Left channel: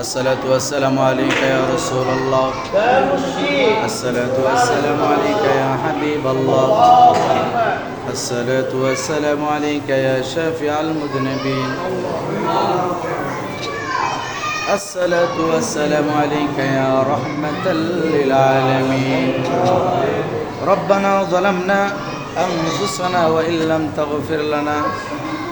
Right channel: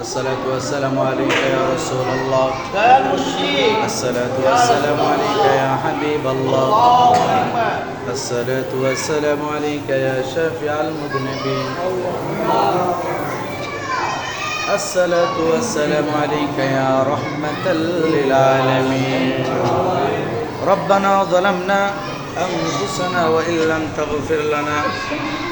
الصلاة والسلام عليك يا رسول الله. الصلاة والسلام عليك يا حبيب الله. الصلاة والسلام عليك يا شافع المذنبين. الصلاة والسلام عليك يا رحمة للعالمين. ربنا ظلمنا أنفسنا وإن لم تغفر لنا.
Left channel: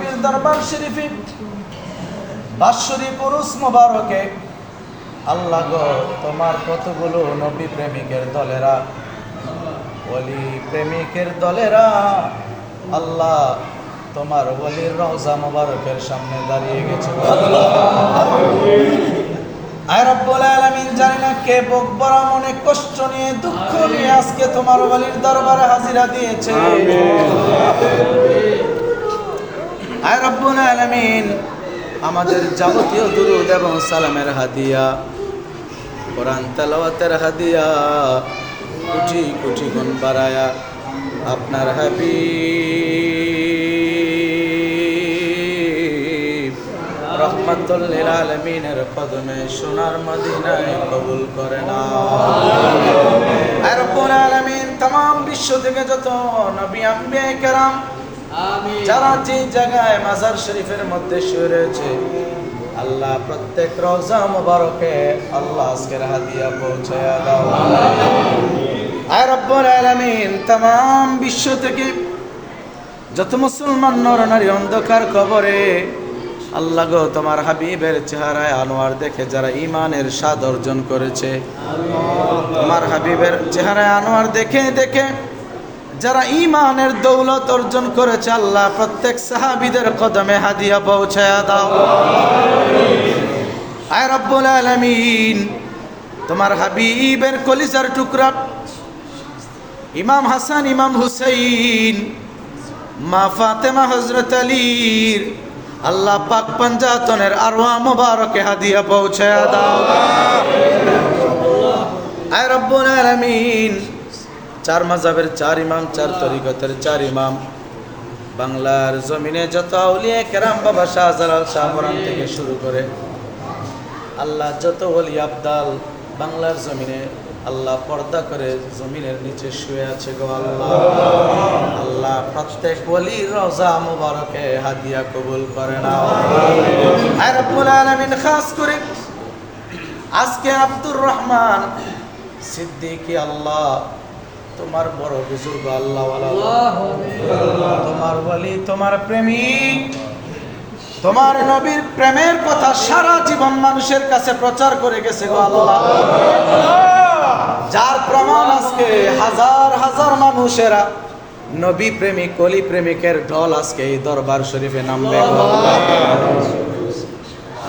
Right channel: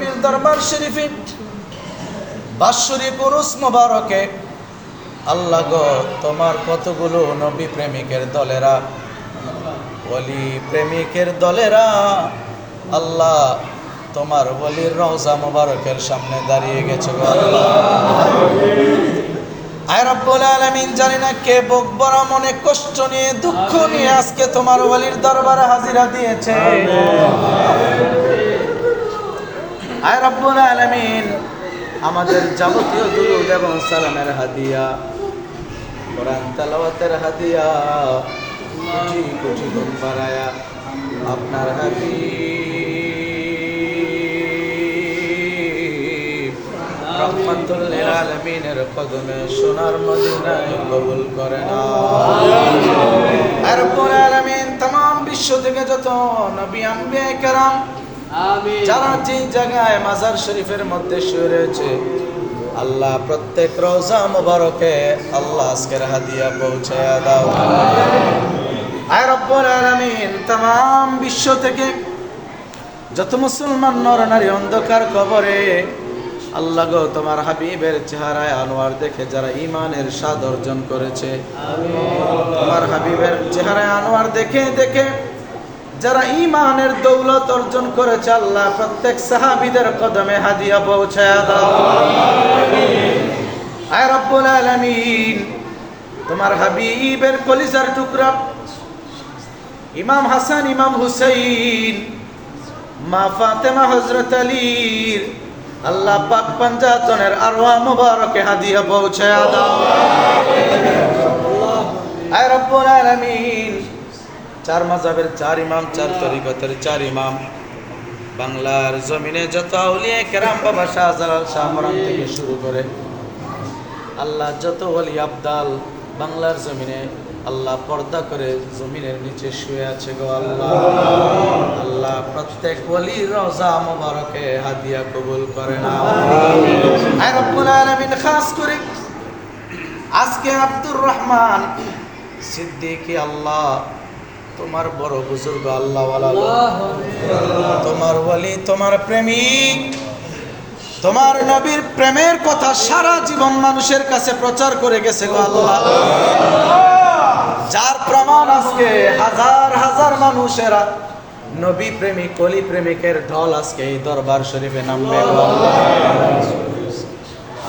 পীর দরবার শরীফে বাৎসরিক উরুস মোবারকে, আল্লাহ গো, তোমার কতগুলো নবী প্রেমিকের দলেরা, ওলি প্রেমিকের দলেরা, আল্লাহ তোমার ওলির রওজা মোবারকের সামনে দাঁড়িয়ে গেছে গো আল্লাহ। আয় রব্বুল আলামিন, জানি না কে বুক বড়, মনে কষ্ট নিয়ে, দুঃখ নিয়ে আজকে তোমার ওলির দরবারে হাজিরা দিয়েছে। আয় রব্বুল আলমিন। আমাদের যাবতীয় দুরুদ এবং সালামের হাদিয়া, কোরআন তালাওয়াতের হাদিয়া, কোটি কোটি গুণ বাড়ায়া আপনার হাবি রহমতুল্লিল আলমিনের কদমে সোনার মদিনায় কবুল করে না আর আলমিন, তাম, বিশ্ব থেকে যত নবী, আম্বিয়া, কেরাম যারা যে জায়গায় মাজার শরীফের মধ্যে শুয়ে রয়েছে আল্লাহ প্রত্যেক রোজা মুবারকে আল্লাহ আজকের হাদিয়া পৌঁছে দাও আয় রব্বুল আলামিন तमाम বিশ্ব থেকে যত মুসলমান নর নারী অন্ধকার কবরে আল্লাহ গো তোমার হাবিবের চেহারায় আনোয়ার দেখে যারা ইমানের স্বাদ অর্জন করেছে তোমার হাবিবের চেহারায় আনোয়ার দেখে দেখে যারা ইমানের দৌলত অর্জন করেছে আল্লাহ, প্রত্যেক সাহাবিদের কদমে হাদিয়া পৌঁছায় দাও। আয় তোমার হাবিবের কলিজার টুকরা, ইমাম হাসান, ইমাম হুসাইন, মা ফাতেমা হজরত আলীর, আল্লাহ পাক পঞ্জাতনের আরওয়া মুবারকে হাদিয়া পৌঁছায় দাও। আয় রব্বুল আলামিন চার মাযহাবের চার ইমাম, চার তরিকতের চার ইমাম। বাংলার জমিনে যত আউলিয়া কেরাম বাবা শাহজালাল শাহমরাম থেকে শুরু করে আল্লাহ যত ওলি আবদাল বাংলার জমিনে আল্লাহ পর্দা করে জমিনের নিচে শুয়ে আছে গো আল্লাহ। আল্লাহ প্রত্যেক ওলি রোজা মুবারকে হাদিয়া কবুল করে আলামিন, খাস করে আজকে আব্দুর রহমান সিদ্দিকী আল্লাহ তোমার বড় বুজুর্গ আল্লাহ তোমার বলি তোমার প্রেমিক। তোমার নবীর প্রেমের কথা সারা জীবন মানুষের কাছে প্রচার করে গেছে যার প্রমাণ আজকে হাজার হাজার মানুষেরা নবী প্রেমিক কলি প্রেমিকের ঢল আজকে এই দরবার শরীফে নামবে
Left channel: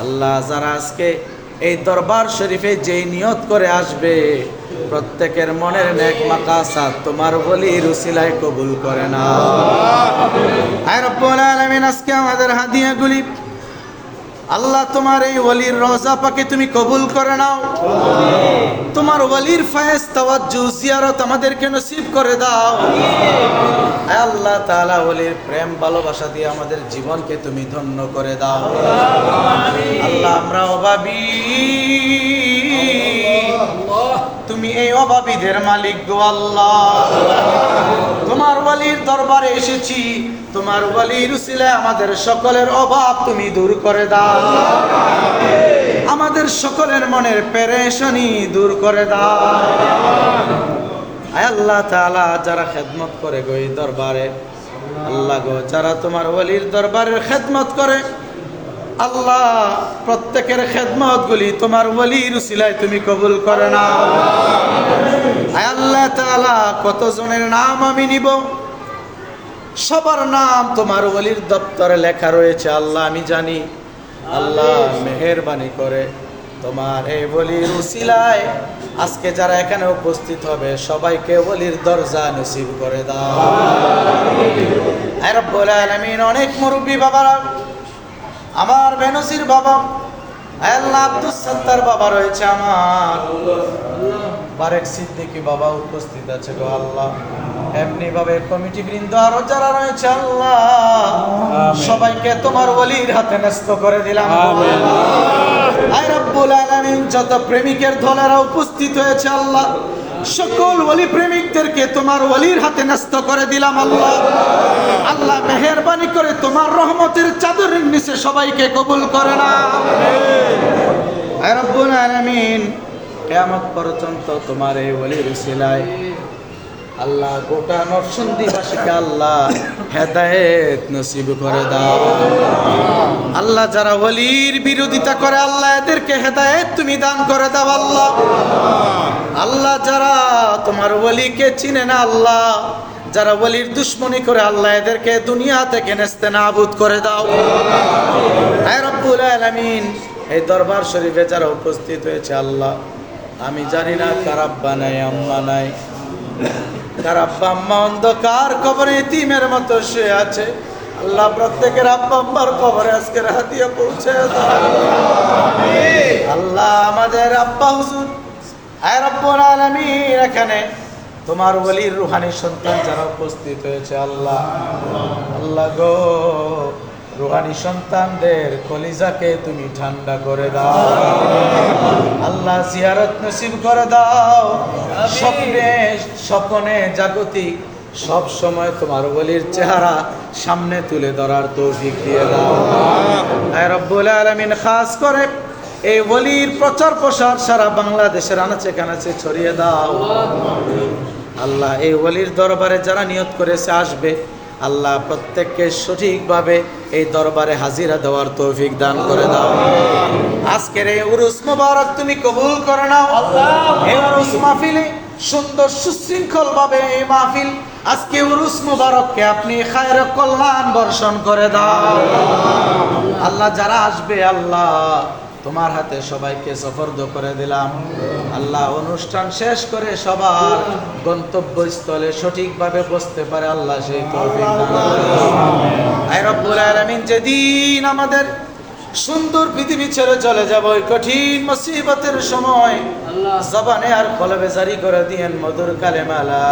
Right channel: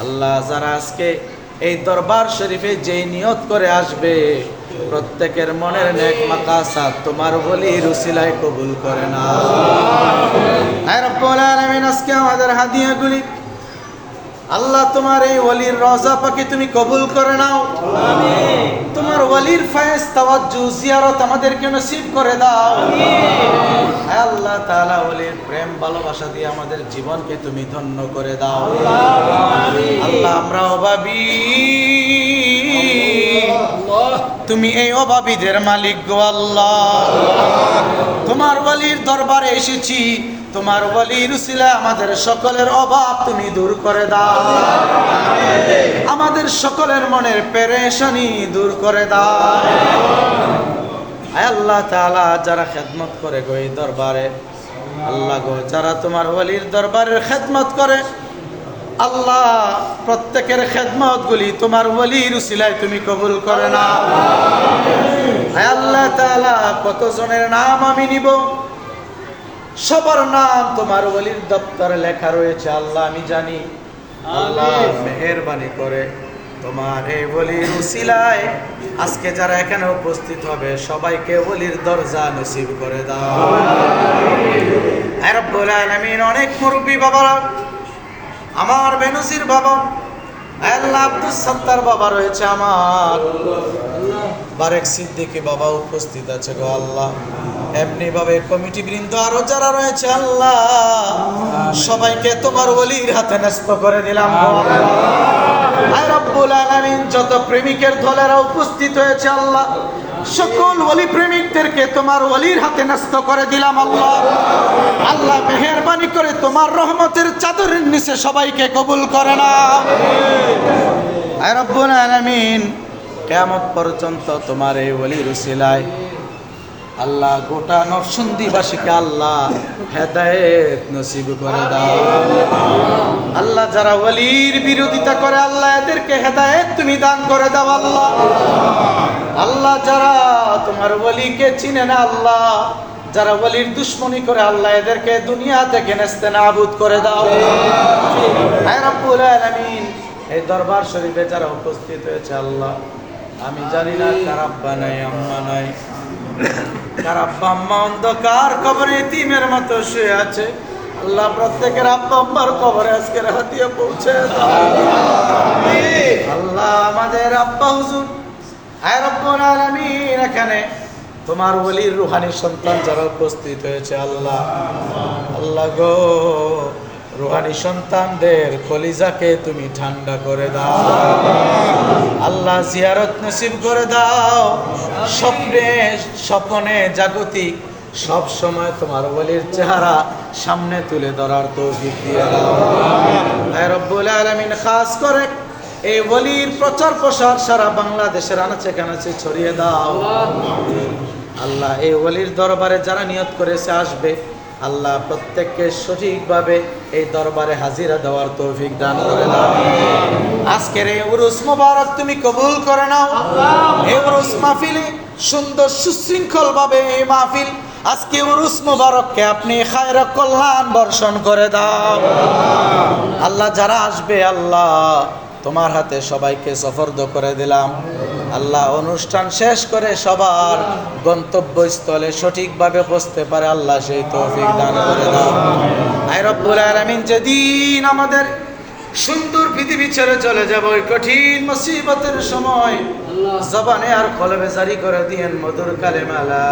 আল্লাহ। যারা আজকে এই দরবার শরীফে যেই নিয়ত করে আসবে প্রত্যেকের মনের নেক মাকাসাত তোমার বলি রুসিলায় কবুল করে না। আর রব্বুল আলামিন, আজকে আমাদের হাদিয়াগুলি। আল্লাহ তোমার এই ওলির রজা পাকে তুমি কবুল করে নাও। তোমার ওলির ফায়েজ তাওয়াজ্জু, জিয়ারত আমাদেরকে নসিব করে দাও। আল্লাহ তাআলা ওলির প্রেম, ভালোবাসা দিয়ে আমাদের জীবনকে তুমি ধন্য করে দাও। আল্লাহ আমরা অভাবী। তুমি এই অভাবীদের মালিক গো আল্লাহ। তোমার ওয়ালির দরবারে এসেছি, তোমার ওয়ালির উসিলা আমাদের সকলের অভাব তুমি দূর করে দাও। আমাদের সকলের মনের পেরেশানি দূর করে দাও। আল্লাহ তালা যারা খেদমত করে গো এই দরবারে, আল্লাহ গো, যারা তোমার ওয়ালির দরবারের খেদমত করে আল্লাহ, প্রত্যেকের খেদমত গুলি তোমার ওয়ালির উসিলায় তুমি কবুল করে আয় আল্লাহ তাআলা, কতজনের নাম আমি নিব? সবার নাম তোমার ওলির দপ্তরে লেখা রয়েছে, আল্লাহ আমি জানি। আল্লাহ মেহেরবানি করে তোমার এই বলির উসিলায়। আজকে যারা এখানে উপস্থিত হবে, সবাইকে বলির দরজা নসিব করে দাও। আয় রব্বুল আলামিন, অনেক মুরব্বী বাবারা আমার বেনজির বাবা আল্লাহ আব্দুল সত্তার বাবা রয়েছে আমার। বারেক সিদ্দিকি বাবা উপস্থিত আছে গো আল্লাহ। এমনি ভাবে কমিটি বৃন্দ আরও যারা রয়েছে আল্লাহ সবাইকে তোমার ওলির হাতে ন্যস্ত করে দিলাম। আয় রব্বুল আলামিন যত প্রেমিকের দলেরা উপস্থিত হয়েছে আল্লাহ সকল ওলি প্রেমিকদেরকে তোমার ওলির হাতে ন্যস্ত করে দিলাম আল্লাহ। আল্লাহ মেহেরবানি করে তোমার রহমতের চাদরের নিচে সবাইকে কবুল করে না। কেমন পর্যন্ত তোমার এই ওলির উসিলায় আল্লাহ গোটা নরসিংদীবাসীকে আল্লাহ হেদায়েত নসিব করে দাও। আল্লাহ যারা ওলির বিরোধিতা করে, আল্লাহ এদেরকে হেদায়েত তুমি দান করে দাও আল্লাহ। আল্লাহ যারা তোমার ওলিকে চিনে না আল্লাহ, যারা ওলির দুশ্মনী করে আল্লাহ এদেরকে দুনিয়া থেকে নেস্তে নাবুদ করে দাও। আলামিন, এই দরবার শরীফে যারা উপস্থিত হয়েছে আল্লাহ, আমি জানি না কারাব্বা নাই, আম্মা নাই। তার আব্বা, আম্মা অন্ধকার কবরে ইতিমের মতো শুয়ে আছে। আল্লাহ প্রত্যেকের আব্বা, আম্মার কবরে আজকের হাতিয়া পৌঁছে দাও। আল্লাহ আমাদের আব্বা হুজুর। আয় রব্বুল আলামিন, এখানে তোমার ওলির রুহানি সন্তান যারা উপস্থিত হয়েছে, আল্লাহ। আল্লাহ গো, রুহানি সন্তানদের কলিজাকে তুমি ঠান্ডা করে দাও। আল্লাহ জিয়ারত নসিব করে দাও। স্বপ্নে, স্বপনে জাগতিক সব সময় তোমার বলির চেহারা সামনে তুলে ধরার তৌফিক দিয়ে দাও। রব্বুল আলামিন, খাস করে এই বলির প্রচার প্রসার সারা বাংলাদেশের আনাচে কানাচে ছড়িয়ে দাও। আল্লাহ এই ওলির দরবারে যারা নিয়ত করেছে আসবে। আল্লাহ প্রত্যেককে সঠিকভাবে এই দরবারে হাজিরা দেওয়ার তৌফিক দান করে দাও। আজকের এই উরুস মোবারক তুমি কবুল করে নাও। এই উরুস মাহফিলে সুন্দর সুশৃঙ্খল ভাবে এই মাহফিল আজকে উরুস মোবারককে আপনি খায়র কল্যাণ বর্ষণ করে দাও। আল্লাহ যারা আসবে, আল্লাহ তোমার হাতে সবাইকে সফর্দ করে দিলাম। আল্লাহ অনুষ্ঠান শেষ করে সবার গন্তব্যস্থলে সঠিকভাবে বসতে পারে, আল্লাহ সেই তৌফিক দান করে যেদিন আমাদের সুন্দর পৃথিবী ছেড়ে চলে যাব, ওই কঠিন মুসিবতের সময় জবানে আর কলবে জারি করে দিয়েন মধুর কালে মালা